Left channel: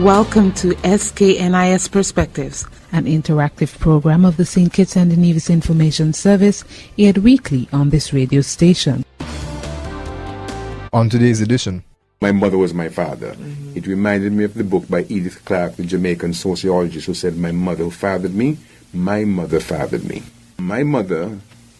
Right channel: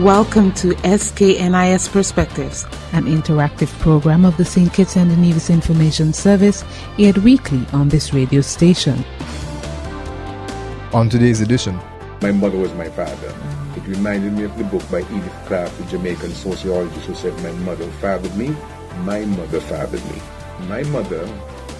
Welcome to SKNIS Perspectives, an interactive program of the St. Kitts and Nevis Information Service, aired weekly on this radio station. On today's edition, my mother was my father. It reminded me of the book by Edith Clarke, the Jamaican sociologist, who said, "My mother fathered me, my mother fathered me." My mother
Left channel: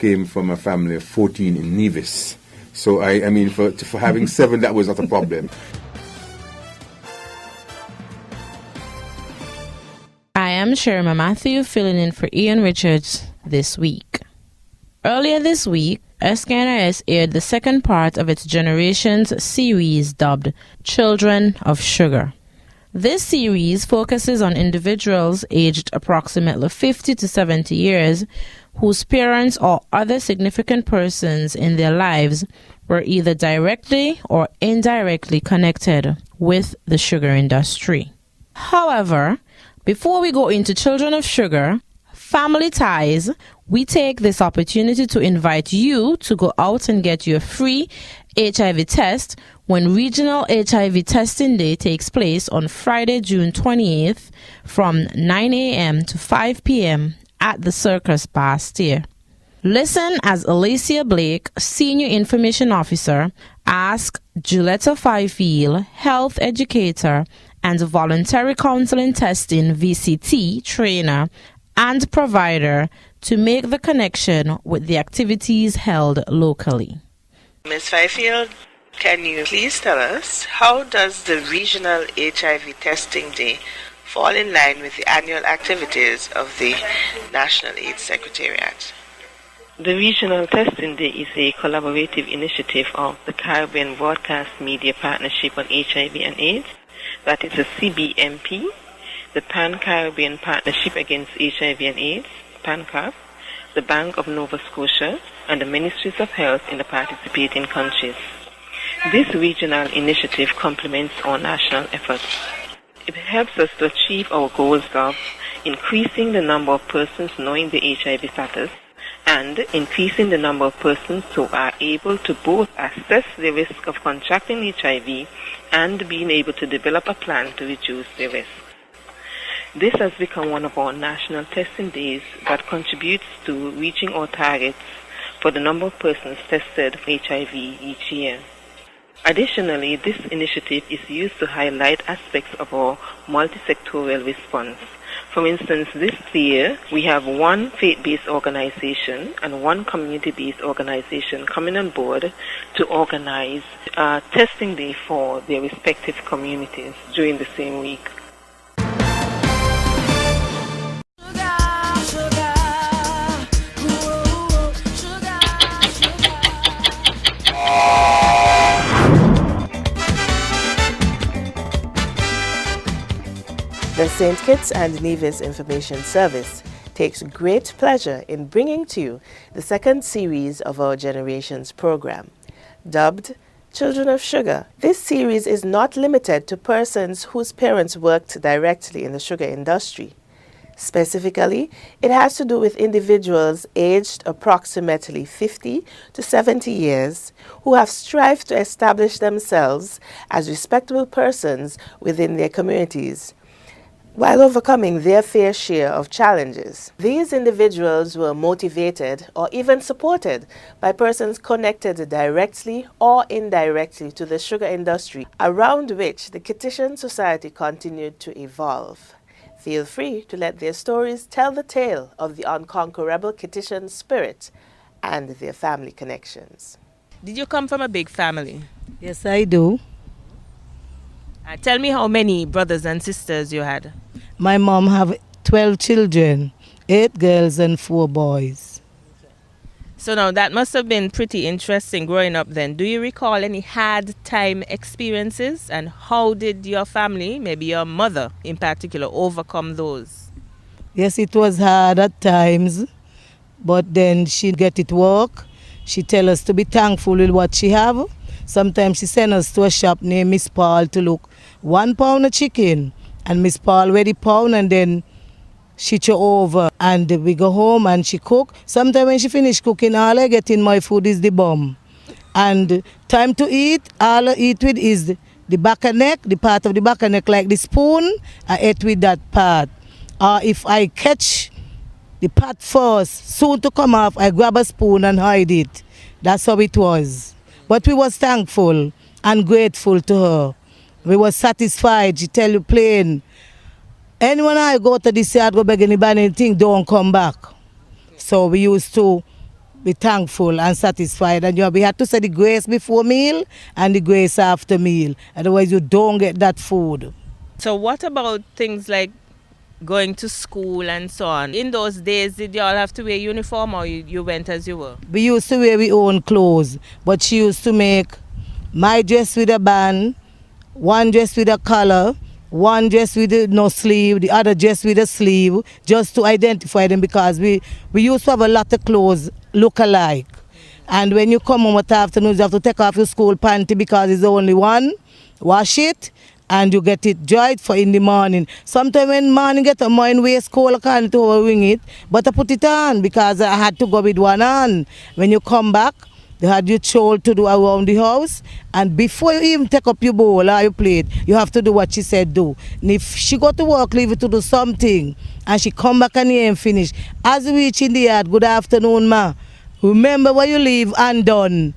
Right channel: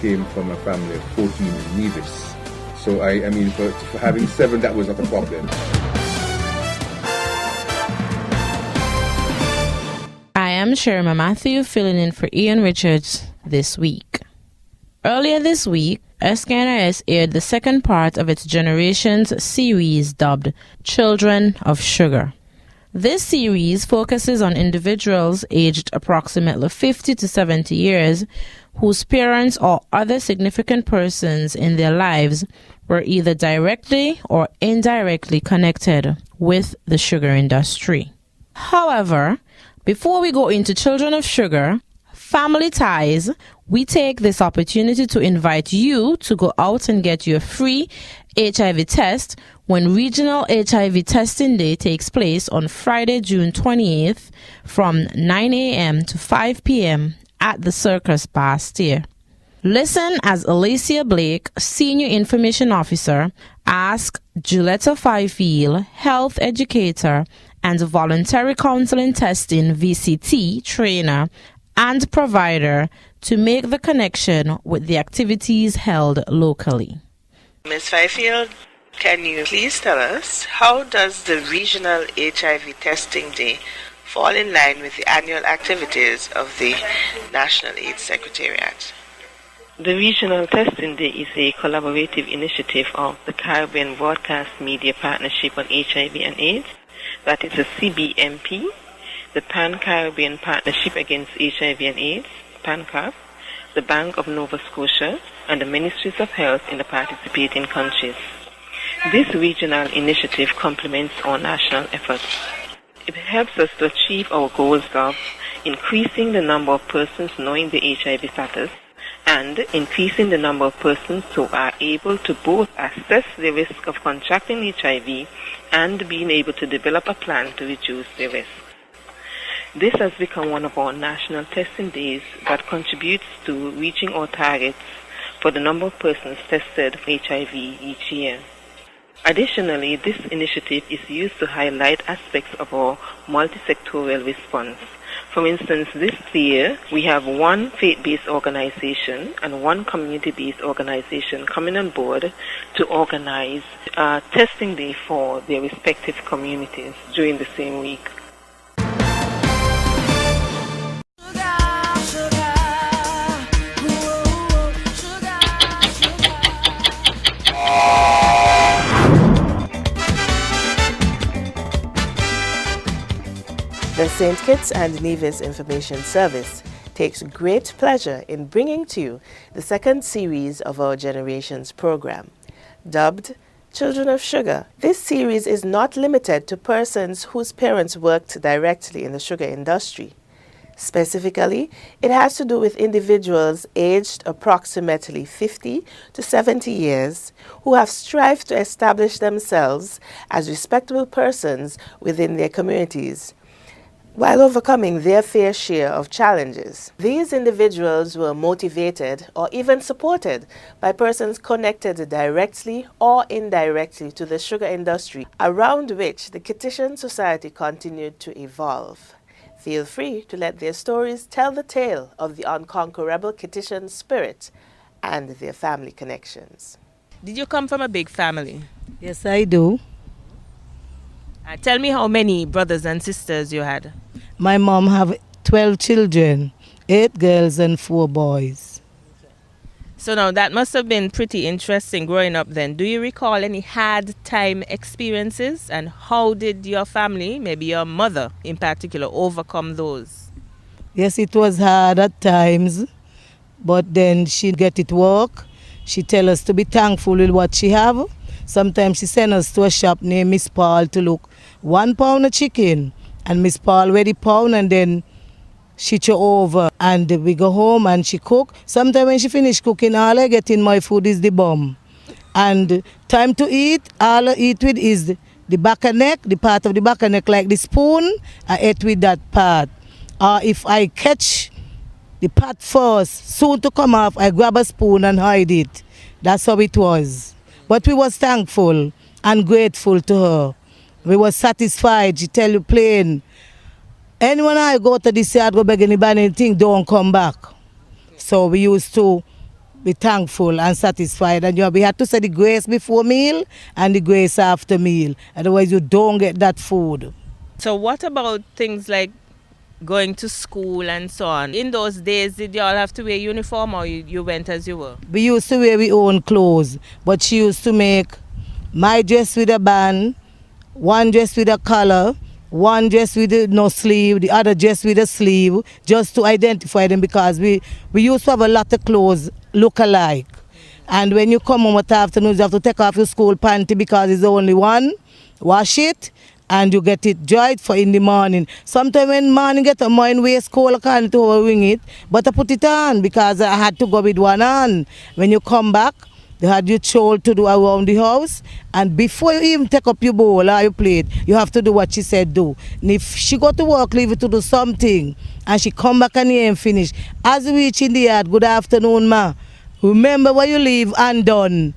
came from a family of 14 in Nevis. So, I mean, for having 7, that was not a problem. I am Sherma Matthew, filling in for Ian Richards this week. Earlier this week, SKNIS aired the second part of its Generations series dubbed Children of Sugar. This series focuses on individuals aged approximately 50 to 70 years whose parents or other significant persons in their lives were either directly or indirectly connected with the sugar industry. However, before we go into Children of Sugar, Family Ties, we take this opportunity to invite you to go out and get your free HIV test when Regional HIV Testing Day takes place on Friday, June 28th from 9 a.m. to 5 p.m. at the Circus Bastille. Listen as Alicia Blake, Senior Information Officer, asks Juletta Fifield, Health Educator and Voluntary Counseling Testing VCT Trainer and Provider, to make the connection with the activities held locally. Ms. Fifield, can you please tell us, how does the Regional HIV Testing Day fall in line with the annual activities of the National AIDS Secretariat? The Regional Testing Day is a collaborative initiative of the Caribbean Broadcast Media Partnership on HIV and AIDS, that is the CBMP, the Pan-Caribbean Partnership Against HIV and AIDS, PANCAP, the Bank of Nova Scotia, and the Ministries of Health in the participating countries. This regional initiative complements our national efforts. It helps us to achieve our goals of increasing the number of persons knowing the HIV status and increasing the number of persons who are able to both assess the risk of contracting HIV and being able to develop a plan to reduce the risk. This has become one of our national testing days that contributes to reaching our targets for the number of persons tested for HIV each year. Additionally, this initiative is used to highlight aspects of our multi-sectoral response. For instance, this year we have one faith-based organization and one community-based organization coming on board to organize a testing day for their respective communities during the same week. The St. Kitts and Nevis Information Service takes great pleasure in bringing to you the second series of our Generations program, dubbed Children of Sugar. This series is not limited to persons whose parents worked directly in the sugar industry. Specifically, it has to do with individuals aged approximately 50 to 70 years who have strived to establish themselves as respectable persons within their communities, while overcoming their fair share of challenges. These individuals were motivated or even supported by persons connected directly or indirectly to the sugar industry, around which the Kittitian society continued to evolve. Feel free to let their stories tell the tale of the unconquerable Kittitian spirit and their family connections. Did you come from a big family? Yes, I do. Tell me how many brothers and sisters you had. My mom have 12 children, 8 girls and 4 boys. So now that must have been pretty interesting growing up then. Do you recall any hard time experiences, and how did your family, maybe your mother in particular, overcome those? Yes, it was hard at times, but then she get it work. She tell us to be thankful with what she have. Sometimes she send us to a shop named Miss Paul to look 1 pound of chicken, and Miss Paul weigh the pound and then she throw over, and we go home and she cook. Sometimes when she finish cooking, all I get in my food is the bum. And time to eat, all I eat with is the back of neck, the part of the back of neck like the spoon, I ate with that part. Or if I catch the part first, soon to come off, I grab a spoon and hide it. That's how it was. But we was thankful and grateful to her. We was satisfied. She tell you plain, anyone I go to this yard, go beg anybody anything, don't come back. So we used to be thankful and satisfied. And we had to say the grace before meal and the grace after meal. Otherwise you don't get that food. So what about things like going to school and so on? In those days, did you all have to wear uniform or you went as you were? We used to wear our own clothes, but she used to make my dress with a band, one dress with a collar, one dress with no sleeve, the other dress with a sleeve, just to identify them, because we used to have a lot of clothes look alike. And when you come home at afternoon, you have to take off your school panty because it's only one, wash it, and you get it dried for in the morning. Sometimes when morning get a mine waist cold, I can't wing it, but I put it on because I had to go with one on. When you come back, they had you chore to do around the house, and before you even take up your bowl or your plate, you have to do what she said do. And if she go to work, leave it to do something, and she come back and here and finish. As we reach in the yard, good afternoon, ma. Remember where you leave and done.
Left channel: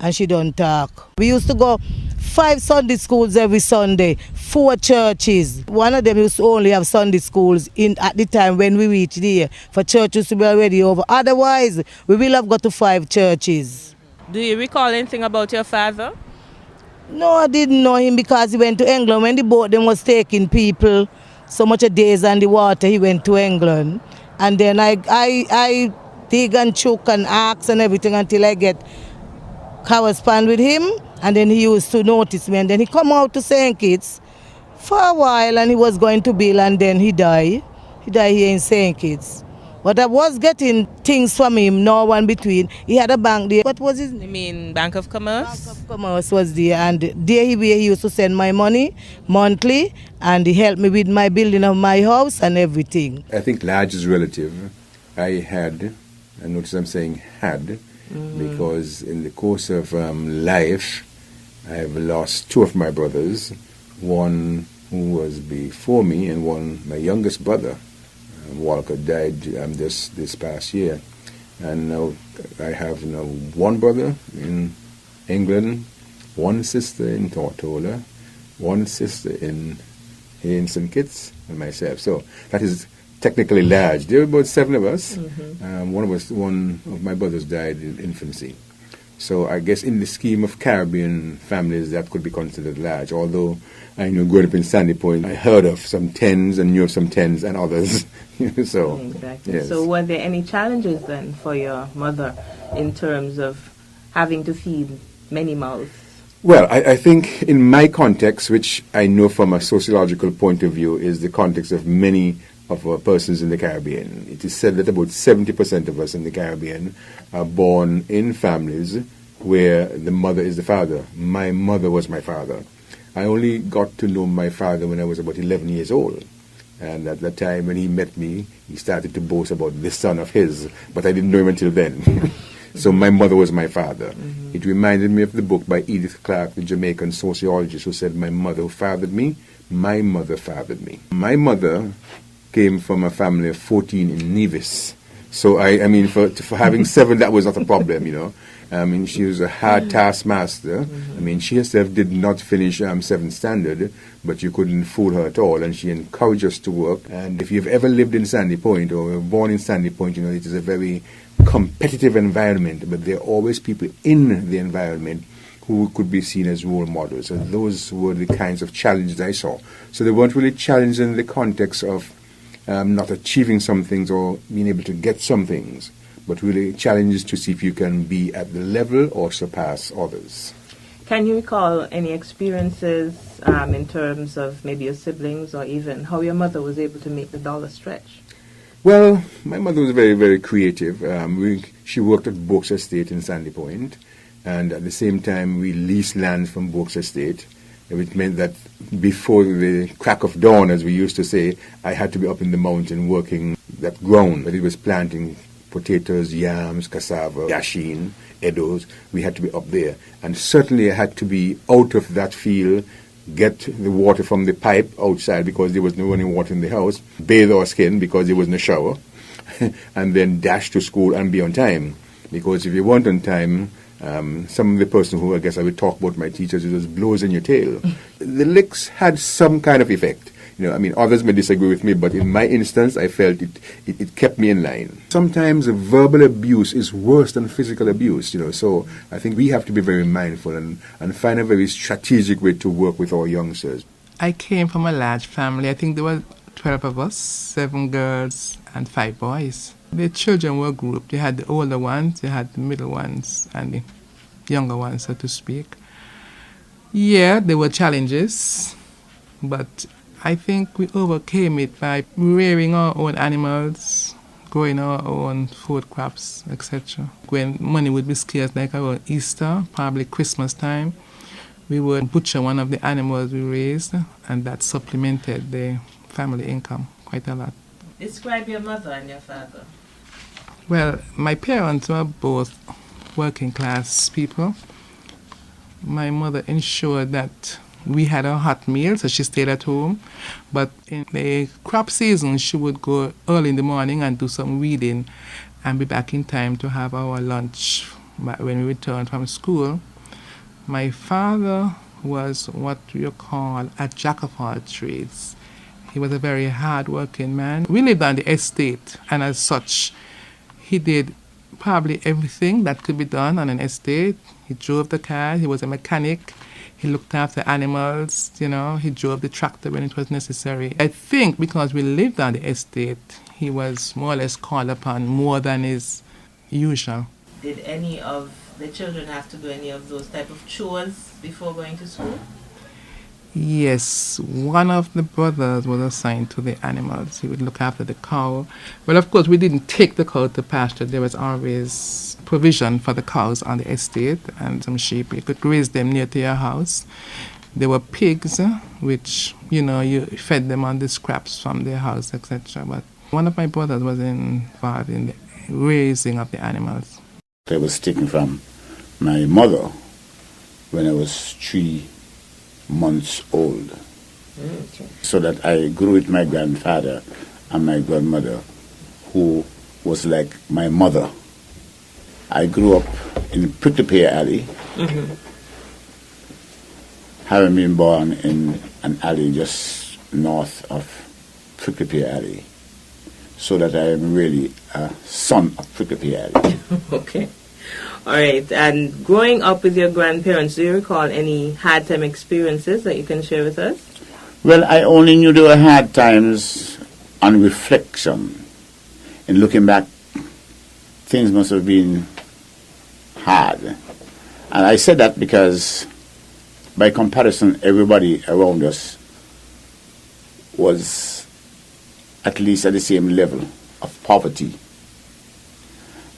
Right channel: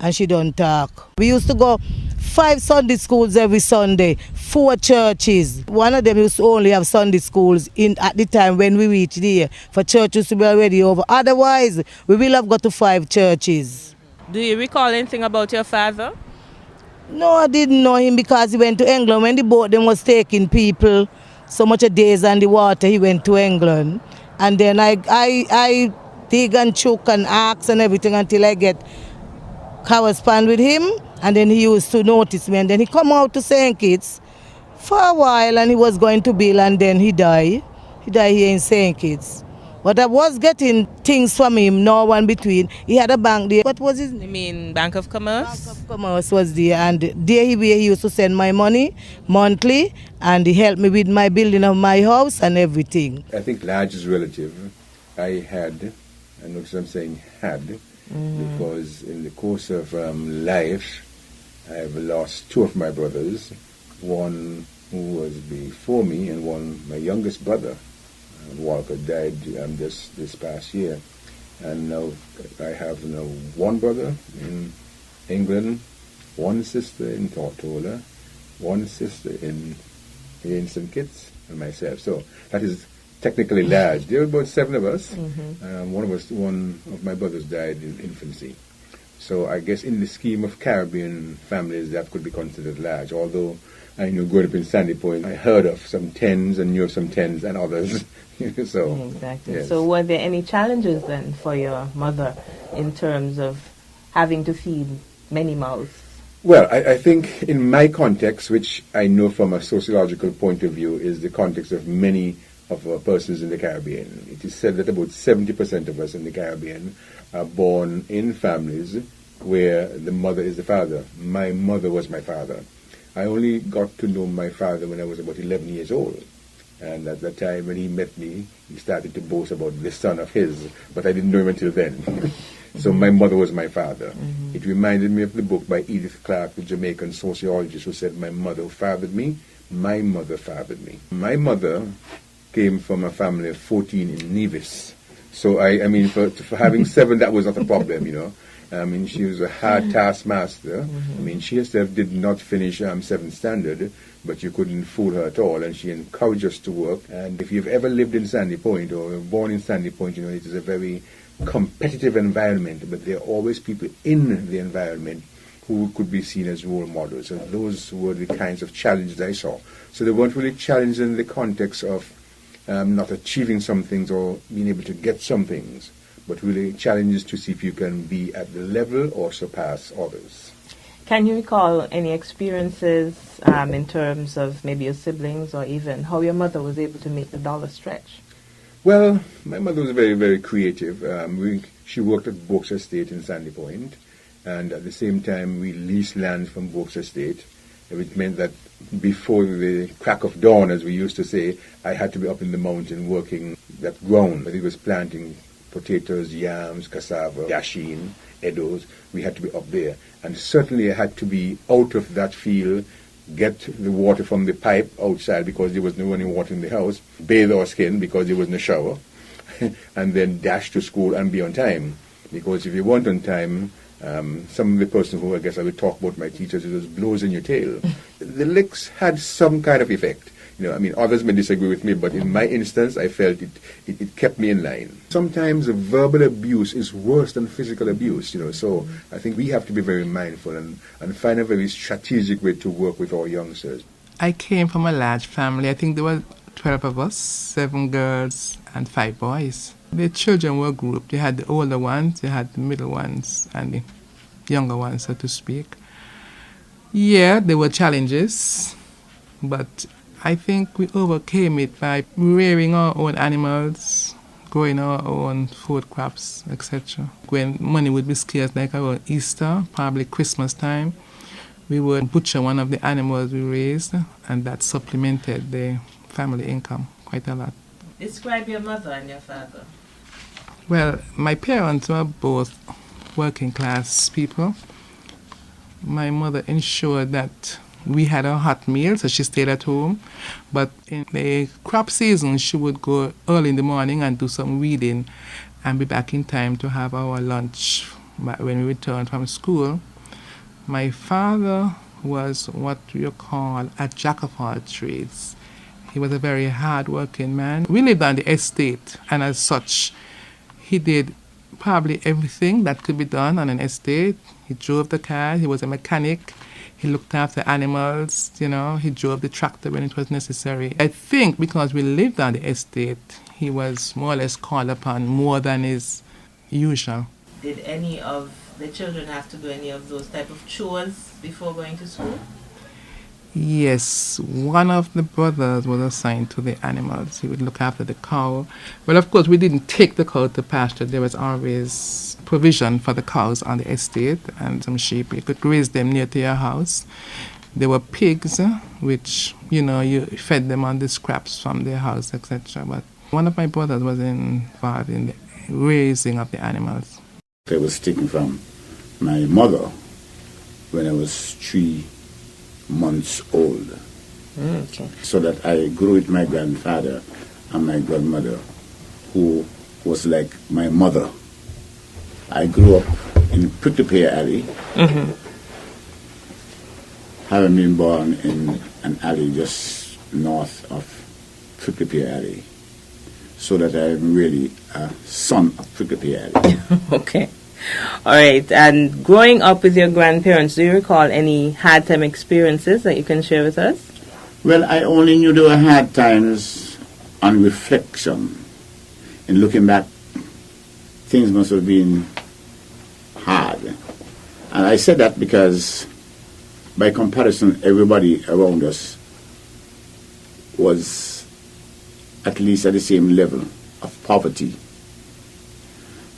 And she don't talk. We used to go 5 Sunday schools every Sunday, 4 churches. One of them used to only have Sunday schools at the time when we reached there, for churches to be already over. Otherwise, we will have got to 5 churches. Do you recall anything about your father? No, I didn't know him because he went to England. When the boat them was taking people, so much of days on the water, he went to England. And then I dig and choke and ask and everything until I get correspond with him, and then he used to notice me, and then he come out to St. Kitts for a while, and he was going to Bill, and then he died. He died here in St. Kitts. But I was getting things from him, no one between. He had a bank there. What was his name? You mean Bank of Commerce? Bank of Commerce was there, and there he used to send my money monthly, and he helped me with my building of my house and everything. I think large is relative. I had, and notice I'm saying had, because in the course of life, I've lost 2 of my brothers, one who was before me and one, my youngest brother, Walker, died this past year. And now I have 1 brother in England, 1 sister in Tortola, 1 sister in St. Kitts, and myself. So that is technically large. There were about 7 of us. One of my brothers died in infancy. So I guess in the scheme of Caribbean families, that could be considered large. Although I growing up in Sandy Point, I heard of some 10s and knew of some 10s and others. So exactly. Yes. So were there any challenges then for your mother in terms of having to feed many mouths? Well, I think in my context, which I know from a sociological point of view, is the context of many of our persons in the Caribbean. It is said that about 70% of us in the Caribbean are born in families where the mother is the father. My mother was my father. I only got to know my father when I was about 11 years old. And at that time when he met me, he started to boast about this son of his, but I didn't know him until then. So my mother was my father. It reminded me of the book by Edith Clarke, the Jamaican sociologist, who said, "My mother fathered me, my mother fathered me." My mother came from a family of 14 in Nevis. So, I mean, for having 7, that was not a problem, I mean, she was a hard taskmaster. I mean, she herself did not finish 7th standard, but you couldn't fool her at all, and she encouraged us to work. And if you've ever lived in Sandy Point or were born in Sandy Point, it is a very competitive environment, but there are always people in the environment who could be seen as role models. And those were the kinds of challenges I saw. So they weren't really challenges in the context of not achieving some things or being able to get some things, but really challenges to see if you can be at the level or surpass others. Can you recall any experiences in terms of maybe your siblings or even how your mother was able to make the dollar stretch? Well, my mother was very, very creative. She worked at Boaks Estate in Sandy Point, and at the same time we leased land from Boaks Estate. It meant that before the crack of dawn, as we used to say, I had to be up in the mountain working that ground. But it was planting potatoes, yams, cassava, yashin, eddos. We had to be up there. And certainly I had to be out of that field get the water from the pipe outside because there was no running water in the house, bathe our skin because there was no shower, and then dash to school and be on time. Because if you weren't on time, some of the person who I guess I would talk about my teachers, it was blows in your tail. The licks had some kind of effect. I mean, others may disagree with me, but in my instance, I felt it kept me in line. Sometimes verbal abuse is worse than physical abuse, so I think we have to be very mindful and find a very strategic way to work with our youngsters. I came from a large family. I think there were 12 of us, 7 girls and 5 boys. The children were grouped. You had the older ones, you had the middle ones, and the younger ones, so to speak. Yeah, there were challenges, but I think we overcame it by rearing our own animals, growing our own food crops, etc. When money would be scarce, like around Easter, probably Christmas time, we would butcher one of the animals we raised, and that supplemented the family income quite a lot. Describe your mother and your father. Well, my parents were both working class people. My mother ensured that we had a hot meal, so she stayed at home. But in the crop season, she would go early in the morning and do some weeding and be back in time to have our lunch when we returned from school. My father was what you call a jack of all trades. He was a very hard-working man. We lived on the estate, and as such, he did probably everything that could be done on an estate. He drove the car, he was a mechanic, he looked after animals, he drove the tractor when it was necessary. I think because we lived on the estate, he was more or less called upon more than is usual. Did any of the children have to do any of those type of chores before going to school? Yes, one of the brothers was assigned to the animals. He would look after the cow. Well, of course, we didn't take the cow to pasture. There was always provision for the cows on the estate and some sheep. You could graze them near to your house. There were pigs, which, you fed them on the scraps from their house, etc. But one of my brothers was involved in the raising of the animals. I was taken from my mother when I was 3 months old. Okay. So that I grew with my grandfather and my grandmother, who was like my mother. I grew up in Prickly Alley, having been born in an alley just north of Prickly Alley, so that I am really a son of Prickly Alley. Okay. All right. And growing up with your grandparents, do you recall any hard time experiences that you can share with us? Well, I only knew there were hard times on reflection. In looking back, things must have been hard. And I said that because, by comparison, everybody around us was at least at the same level of poverty.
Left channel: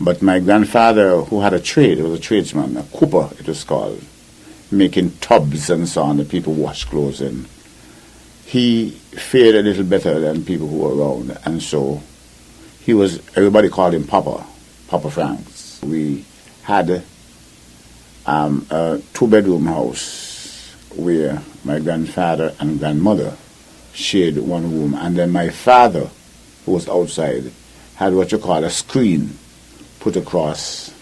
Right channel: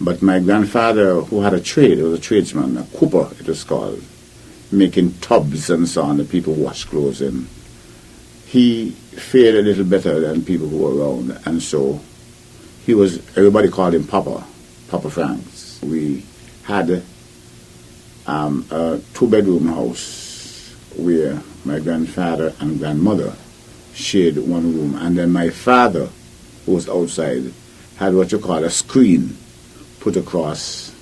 But my grandfather, who had a trade, was a tradesman, a cooper it was called, making tubs and so on that people wash clothes in. He fared a little better than people who were around, and so everybody called him Papa Franks. We had a 2-bedroom house where my grandfather and grandmother shared one room, and then my father, who was outside, had what you call a screen put across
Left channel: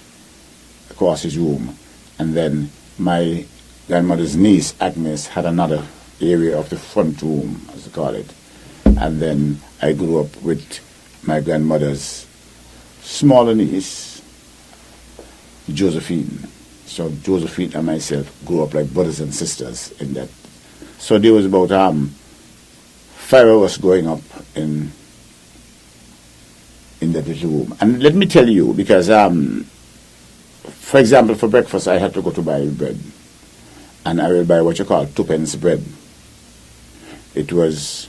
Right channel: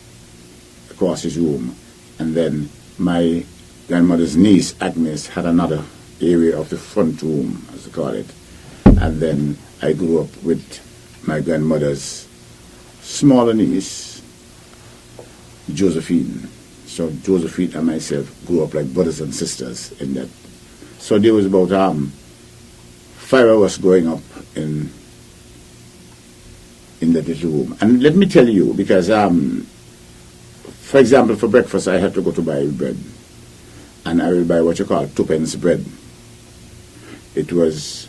his room, and then my grandmother's niece Agnes had another area of the front room, as they call it, and then I grew up with my grandmother's smaller niece, Josephine. So Josephine and myself grew up like brothers and sisters in that. So there was about 5 of us growing up in that little room. And let me tell you, because, for example, for breakfast, I had to go to buy bread. And I would buy what you call 2p bread. It was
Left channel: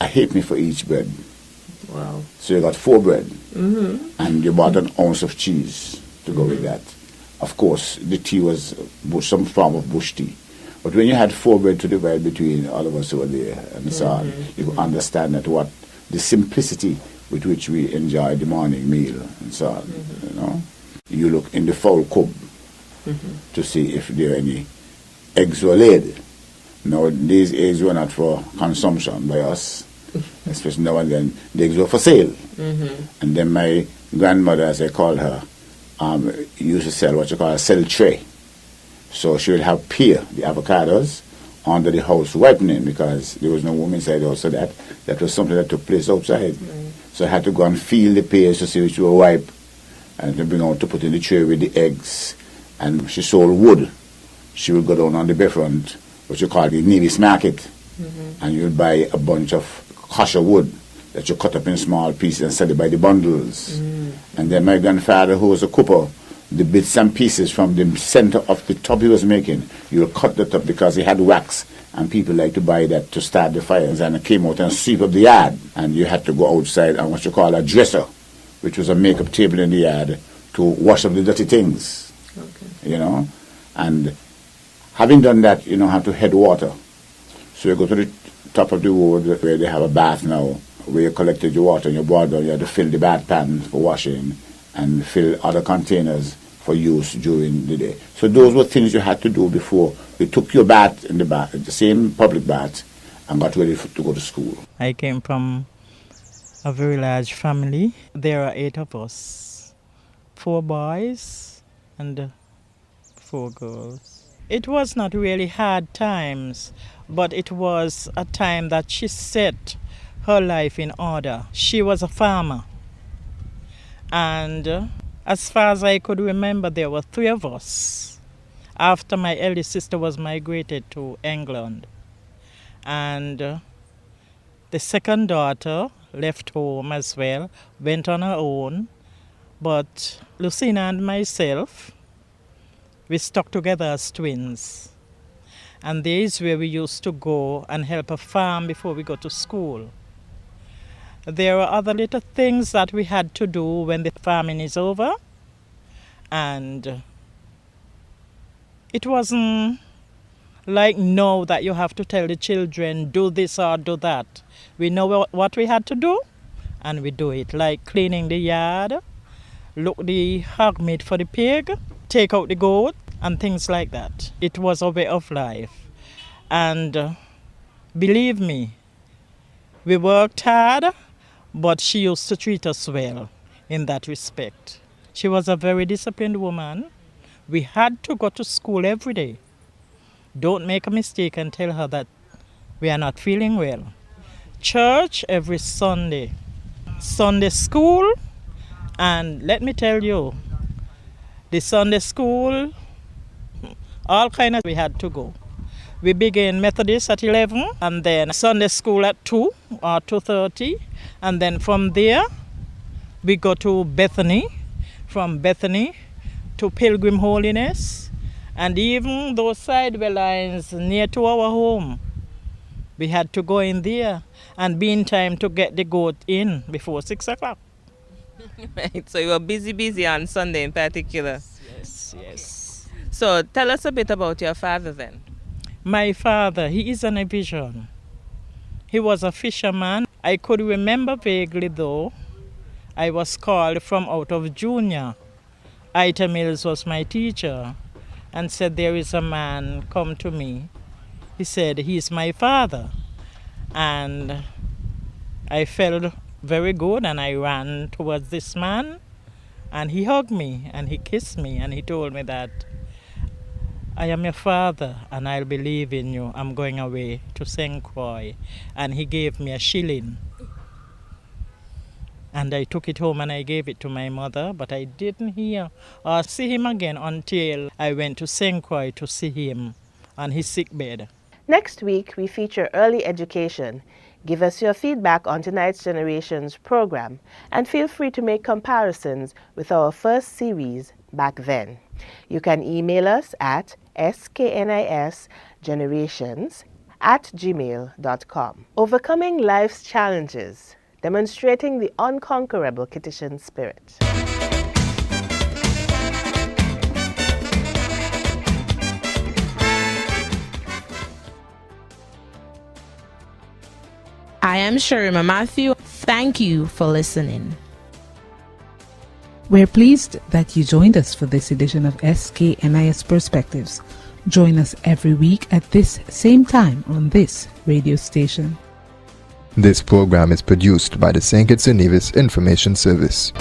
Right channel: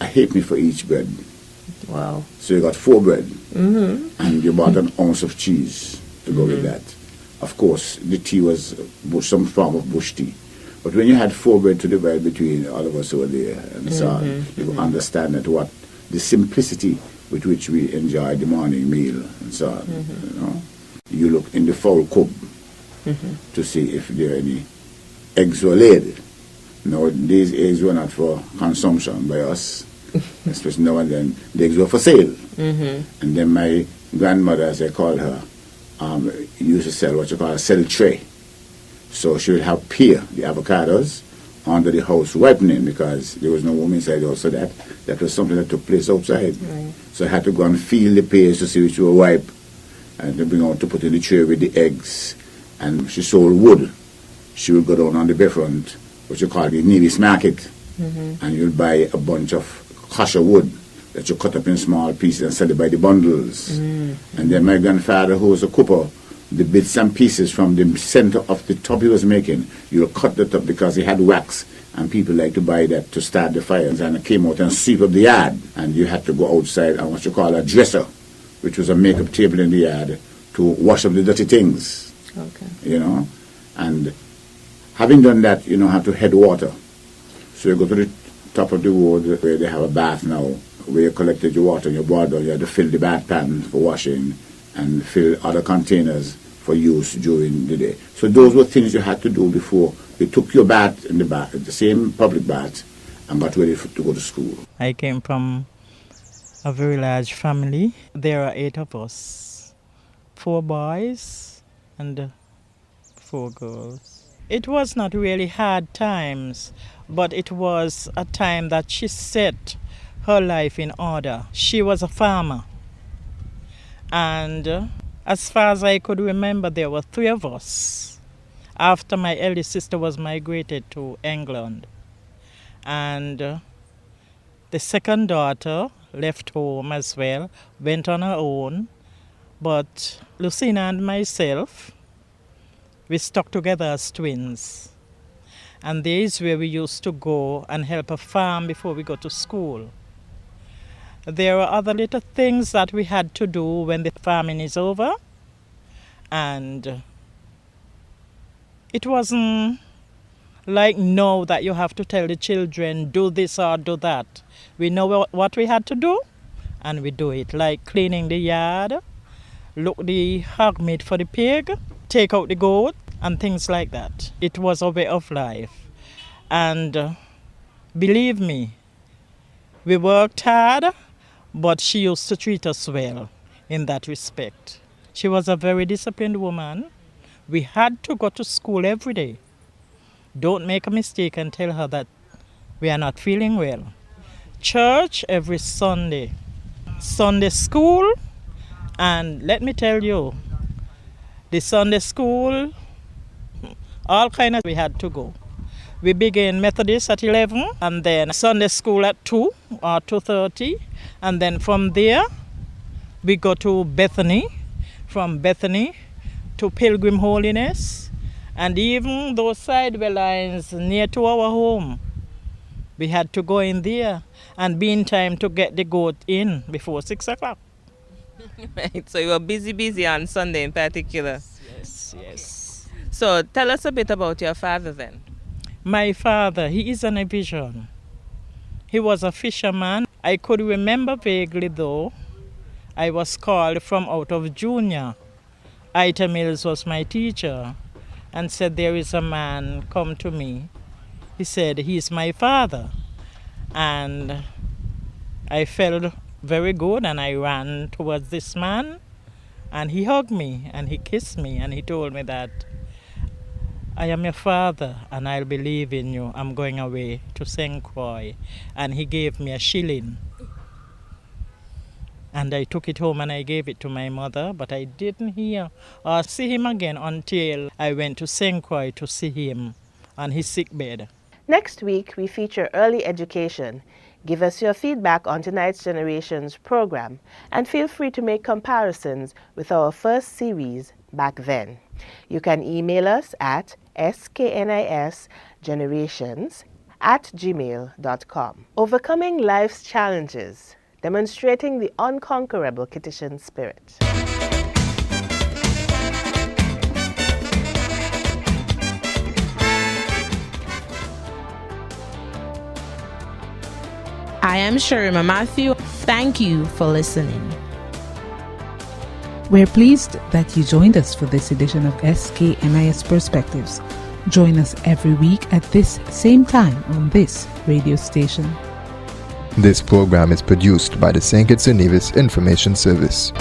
a halfpenny for each bread. Wow. So you got 4 bread. And you bought an ounce of cheese to go with that. Of course, the tea was some form of bush tea. But when you had 4 bread to divide between all of us who were there and so on, you understand that what the simplicity with which we enjoy the morning meal and so on. You look in the fowl coop to see if there are any eggs were laid. Now, these eggs were not for consumption by us, especially now and then. The eggs were for sale. And then my grandmother, as I called her, used to sell what you call a sell tray. So she would have pear, the avocados, under the house ripening because there was no woman inside the house. So that was something that took place outside. Right. So I had to go and feel the pears to see which were ripe and to bring out to put in the tray with the eggs. And she sold wood. She would go down on the bayfront, what you call the Nevis Market, and you'd buy a bunch of kasha wood that you cut up in small pieces and sell it by the bundles. And then my grandfather, who was a cooper, the bits and pieces from the center of the tub he was making, you'll cut that up because he had wax, and people like to buy that to start the fires. And it came out and sweep up the yard, and you had to go outside on what you call a dresser, which was a makeup table in the yard, to wash up the dirty things. You know, and having done that, you don't have to head water. So you go to the top of the road where they have a bath now, where you collected your water and you brought down, you had to fill the bath pan for washing and fill other containers for use during the day. So those were things you had to do before you took your bath in the bath, the same public bath, and got ready to go to school. I came from a very large family. There are 8 of us, 4 boys and 4 girls. It was not really hard times, but it was a time that she set her life in order. She was a farmer. And as far as I could remember, there were 3 of us after my eldest sister was migrated to England. And the second daughter left home as well, went on her own. But Lucina and myself, we stuck together as twins. And there is where we used to go and help a farm before we go to school. There were other little things that we had to do when the farming is over. And it wasn't like now that you have to tell the children, do this or do that. We know what we had to do, and we do it. Like cleaning the yard, look the hog meat for the pig, take out the goat, and things like that. It was a way of life. And believe me, we worked hard, but she used to treat us well in that respect. She was a very disciplined woman. We had to go to school every day. Don't make a mistake and tell her that we are not feeling well. Church every Sunday. Sunday school, and let me tell you, the Sunday school, all kinds of we had to go. We began Methodist at 11, and then Sunday school at 2 or 2:30. And then from there, we go to Bethany. From Bethany to Pilgrim Holiness. And even those sideway lines near to our home, we had to go in there and be in time to get the goat in before 6 o'clock. Right, so you were busy on Sunday in particular. Yes. So tell us a bit about your father then. My father, he is an Evision. He was a fisherman. I could remember vaguely though, I was called from out of junior. Ita Mills was my teacher and said, there is a man come to me. He said, he's my father. And I felt very good and I ran towards this man and he hugged me and he kissed me and he told me that I am your father and I'll believe in you. I'm going away to St. Croix. And he gave me a shilling. And I took it home and I gave it to my mother, but I didn't hear or see him again until I went to St. Croix to see him on his sick bed. Next week, we feature early education. Give us your feedback on tonight's Generations program and feel free to make comparisons with our first series back then. You can email us at sknisgenerations@gmail.com. Overcoming life's challenges, demonstrating the unconquerable Kittitian spirit. I am Sherima Matthew. Thank you for listening. We're pleased that you joined us for this edition of SKNIS Perspectives. Join us every week at this same time on this radio station. This program is produced by the St. Kitts and Nevis Information Service.